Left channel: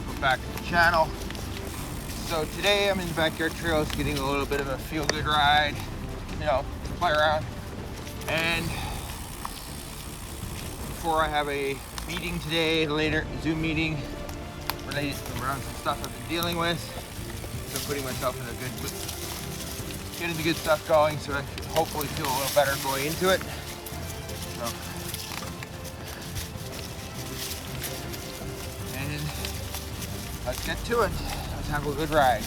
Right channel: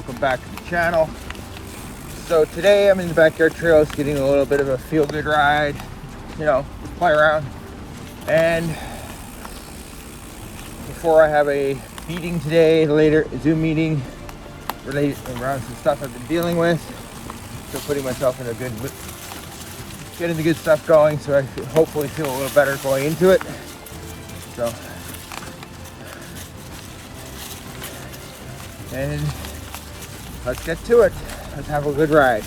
welcome back to the channel. So today I'm in the backyard trails getting a little bit of a feel-good ride, just play around. And before I have a meeting today, later Zoom meeting related around some stuff I've been dealing with, so putting myself in a good mood, getting the good stuff going, so I hopefully feel a little better going into it. So, and let's get to it. Let's have a good ride.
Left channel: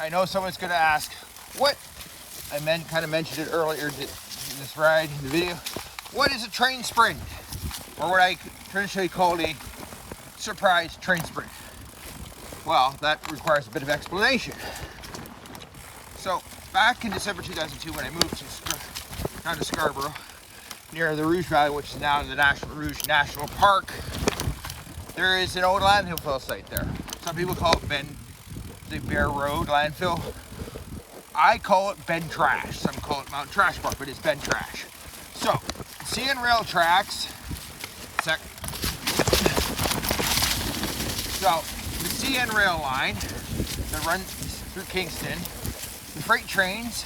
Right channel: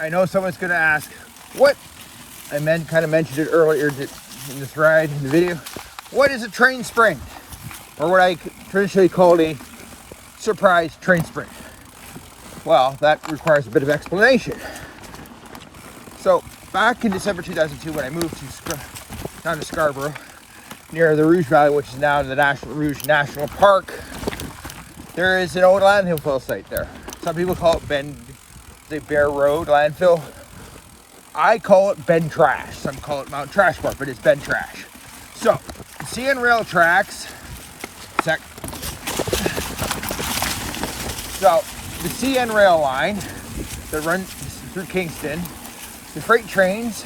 I know someone's going to ask, what? I kind of mentioned it earlier in this ride, in the video. What is a train sprint? Or what I traditionally call a surprise train sprint. Well, that requires a bit of explanation. So, back in December 2002, when I moved down to Scarborough, near the Rouge Valley, which is now the Rouge National Park, there is an old landfill site there. Some people call it the Bear Road landfill. I call it Ben Trash. Some call it Mount Trashport, but it's Ben Trash. So, the CN rail tracks. So, the CN rail line that runs through Kingston, the freight trains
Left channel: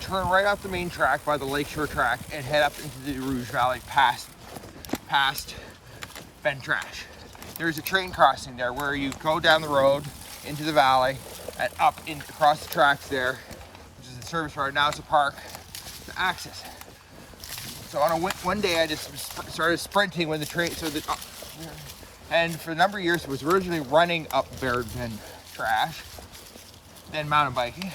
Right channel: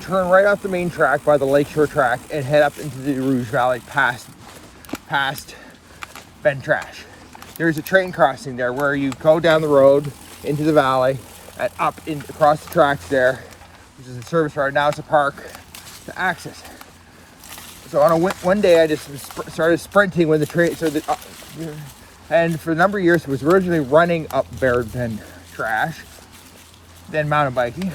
turn right off the main track by the Lakeshore track and head up into the Rouge Valley past Ben Trash. There's a train crossing there where you go down the road into the valley and across the tracks there, which is a service road. Now it's a park to access. So on one day I just started sprinting when the train, and for a number of years it was originally running up Ben Trash, then mountain biking.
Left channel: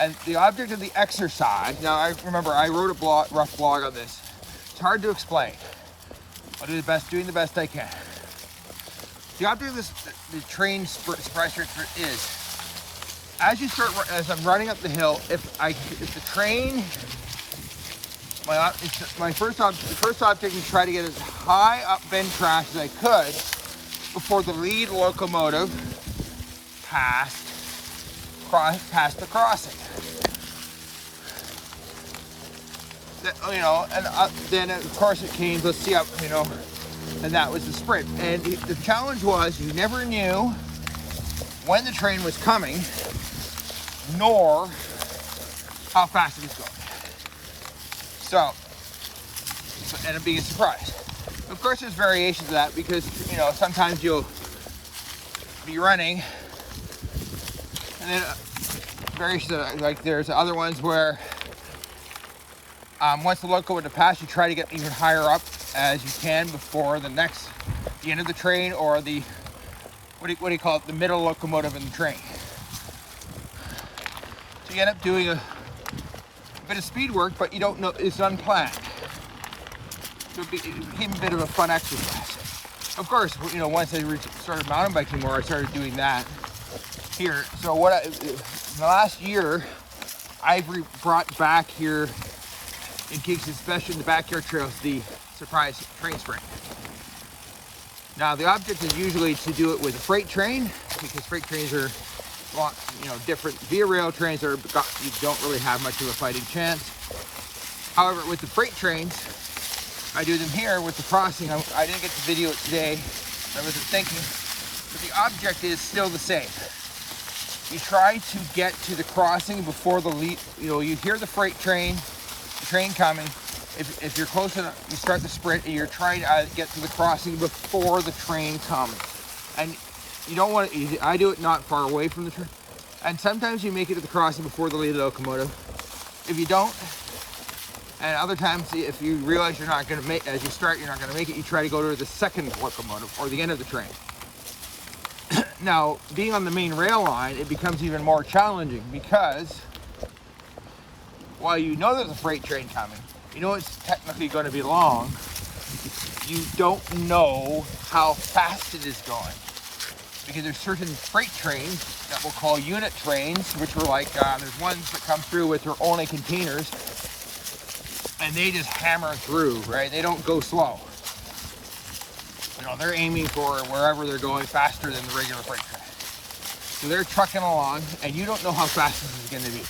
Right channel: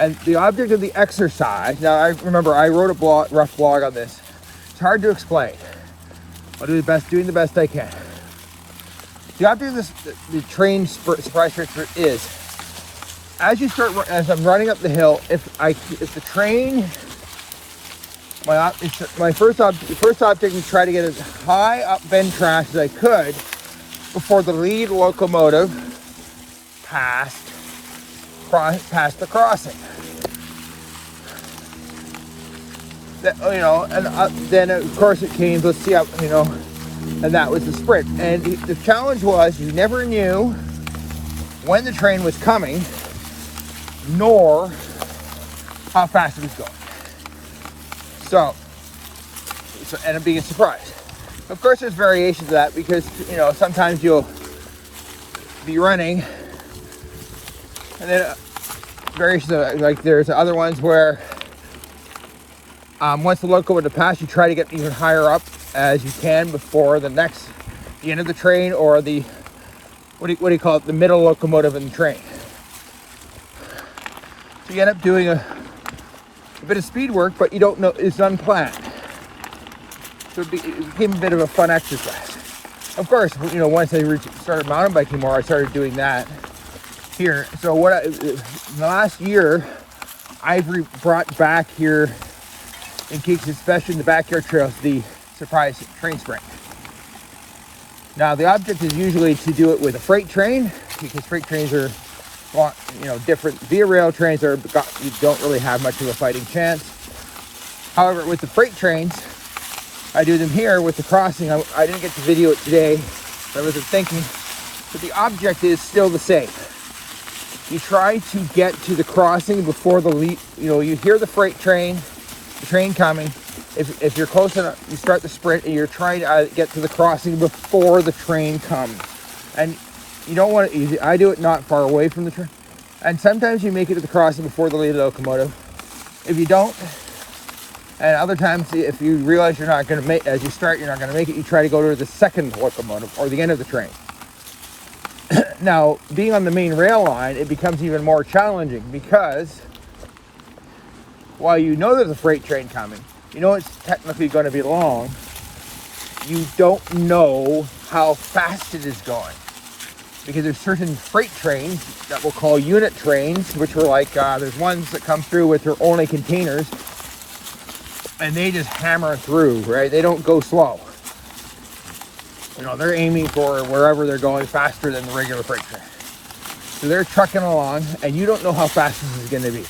And the object of the exercise, now I remember I wrote a rough blog on this. It's hard to explain. I'll do doing the best I can. The object of the train surprise train sprint is, as I'm running up the hill, if the train, the first object is try to get as high up Ben Trash as I could before the lead locomotive passed the crossing. Then of course it came. Let's see how and that was the sprint. And the challenge was you never knew when the train was coming, nor how fast it was going. So ended up being a surprise. Of course, there's variations of that because sometimes you'll be running, and then variations of like there's other ones where once the locomotive passes, you try to get even higher up as you can before the end of the train, or the what do you call it, the middle locomotive in the train. So you end up doing a bit of speed work, but you don't know, it's unplanned. So it became a bit of a fun exercise. Of course, once I started mountain biking more, I started doing that here. So in the last year, I've brought back here in Kingston, especially in the backyard trails, the surprise train sprint. Now the object is usually to do it with a freight train, because freight trains are different. Via rail trains you don't really have much of a fighting chance. However, with the freight trains, I do them here with the crossing. I didn't get to video it today, but I wasn't thinking, but the object is still the same. You try to get to the crossing before the lead, you hear the freight train, the train coming. If you're close enough, you start the sprint and you're trying to get to the crossing before the train comes. And you don't want to, I do it not far away from the train. And sometimes you make it to the crossing before the lead locomotive. If you don't, And other times, if you realize you're not going to make, as you start, you're not going to make it, you try to go to the second locomotive or the end of the train. Now, being on the main rail line, it becomes even more challenging because while you know there's a freight train coming, you know it's technically going to be long, you don't know how fast it is going. Because there's certain freight trains that we'll call unit trains, which are like, there's ones that come through with their only containers, and they just hammer through, right? They don't go slow. You know, they're aiming for wherever they're going faster than the regular freight train. So they're trucking along, and you don't know how fast this is going to be.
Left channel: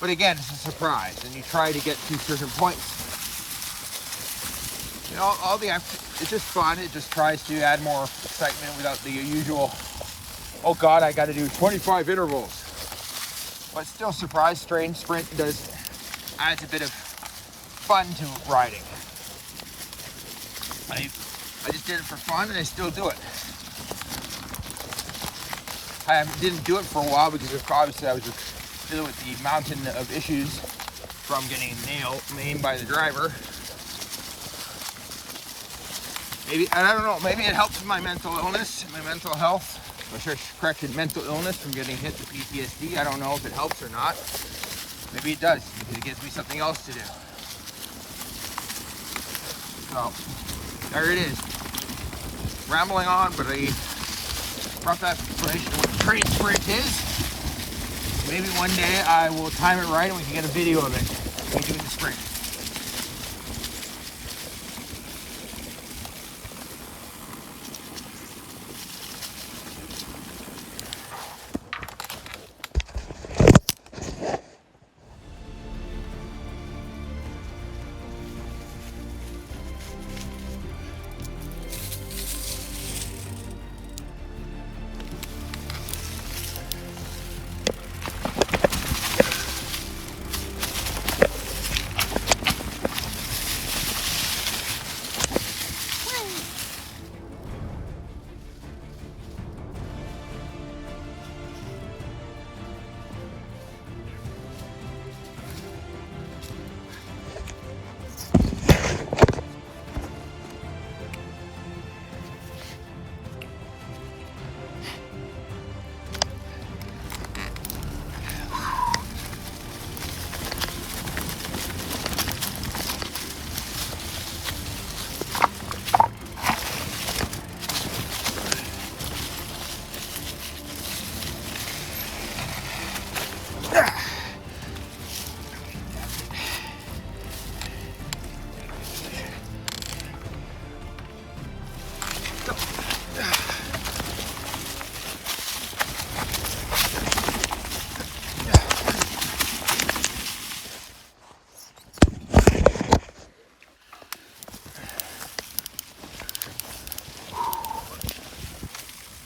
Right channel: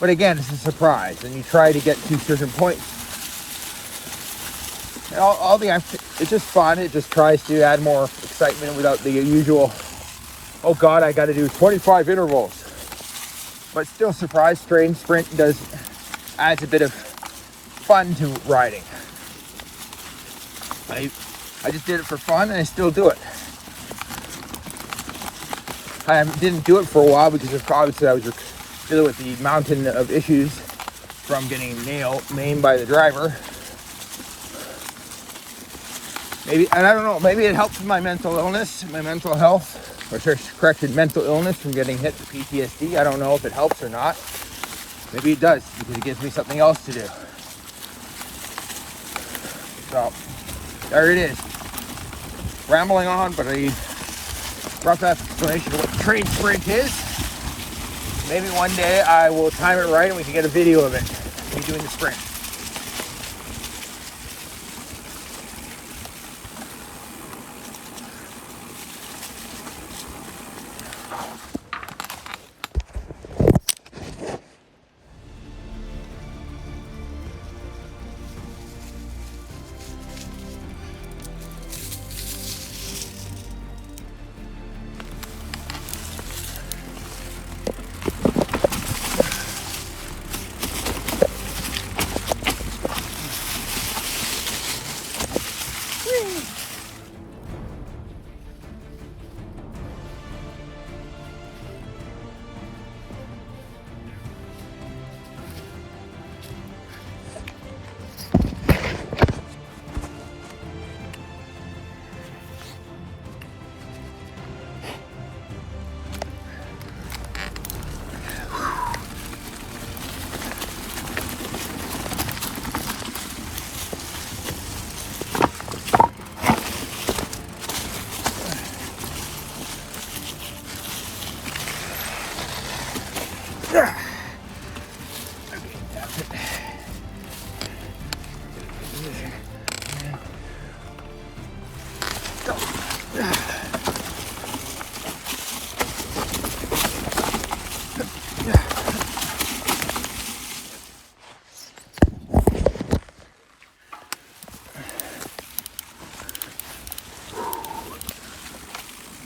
But again, it's a surprise, and you try to get to certain points. And it's just fun. It just tries to add more excitement without the usual, oh God, I got to do 25 intervals. But still, surprise train sprint adds a bit of fun to riding. I just did it for fun, and I still do it. I didn't do it for a while because obviously I was dealing with the mountain of issues from getting maimed by the driver. Maybe, and I don't know, maybe it helps with my mental illness, my mental health, or corrected mental illness from getting hit with PTSD. I don't know if it helps or not. Maybe it does, because it gives me something else to do. So, there it is. Rambling on, but I brought that explanation of what train sprint is. Maybe one day I will time it right and we can get a video of it. Me doing the sprint.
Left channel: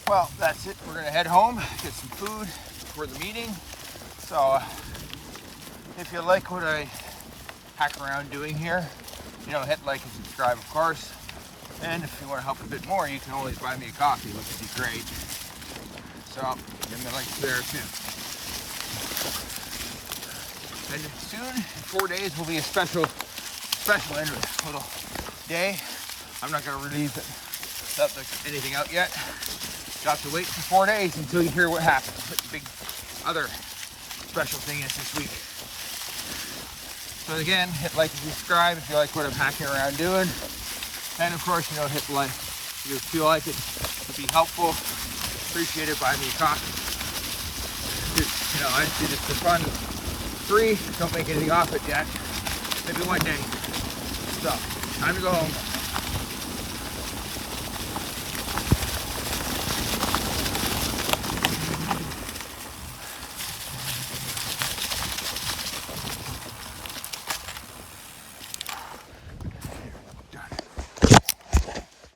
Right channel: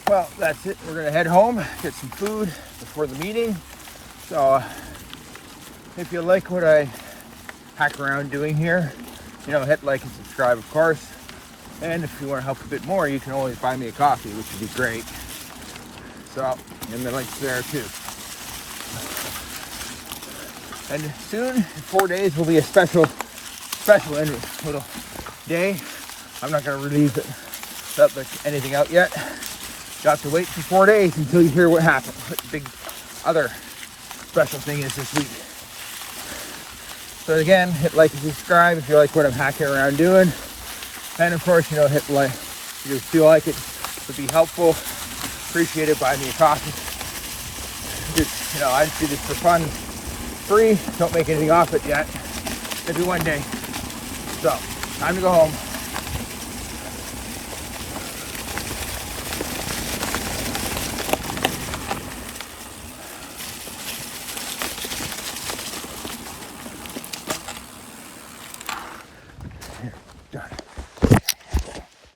Well, that's it. We're gonna head home, get some food before the meeting. So if you like what I hack around doing here, you know, hit like and subscribe, of course. And if you want to help a bit more, you can always buy me a coffee, which would be great. So, and the link's there too. And soon, in 4 days, will be a special little day. I'm not going to release it without anything out yet. You'll have to wait for 4 days until you hear what happened. What the big other special thing is this week. So again, hit like and subscribe if you like what I'm hacking around doing. And of course, you know, hit like if you feel like it would be helpful. Appreciate it. Buy me a coffee. Just, you know, I just do this for fun. Free. Don't make anything off it yet. Maybe one day. So, time to go home.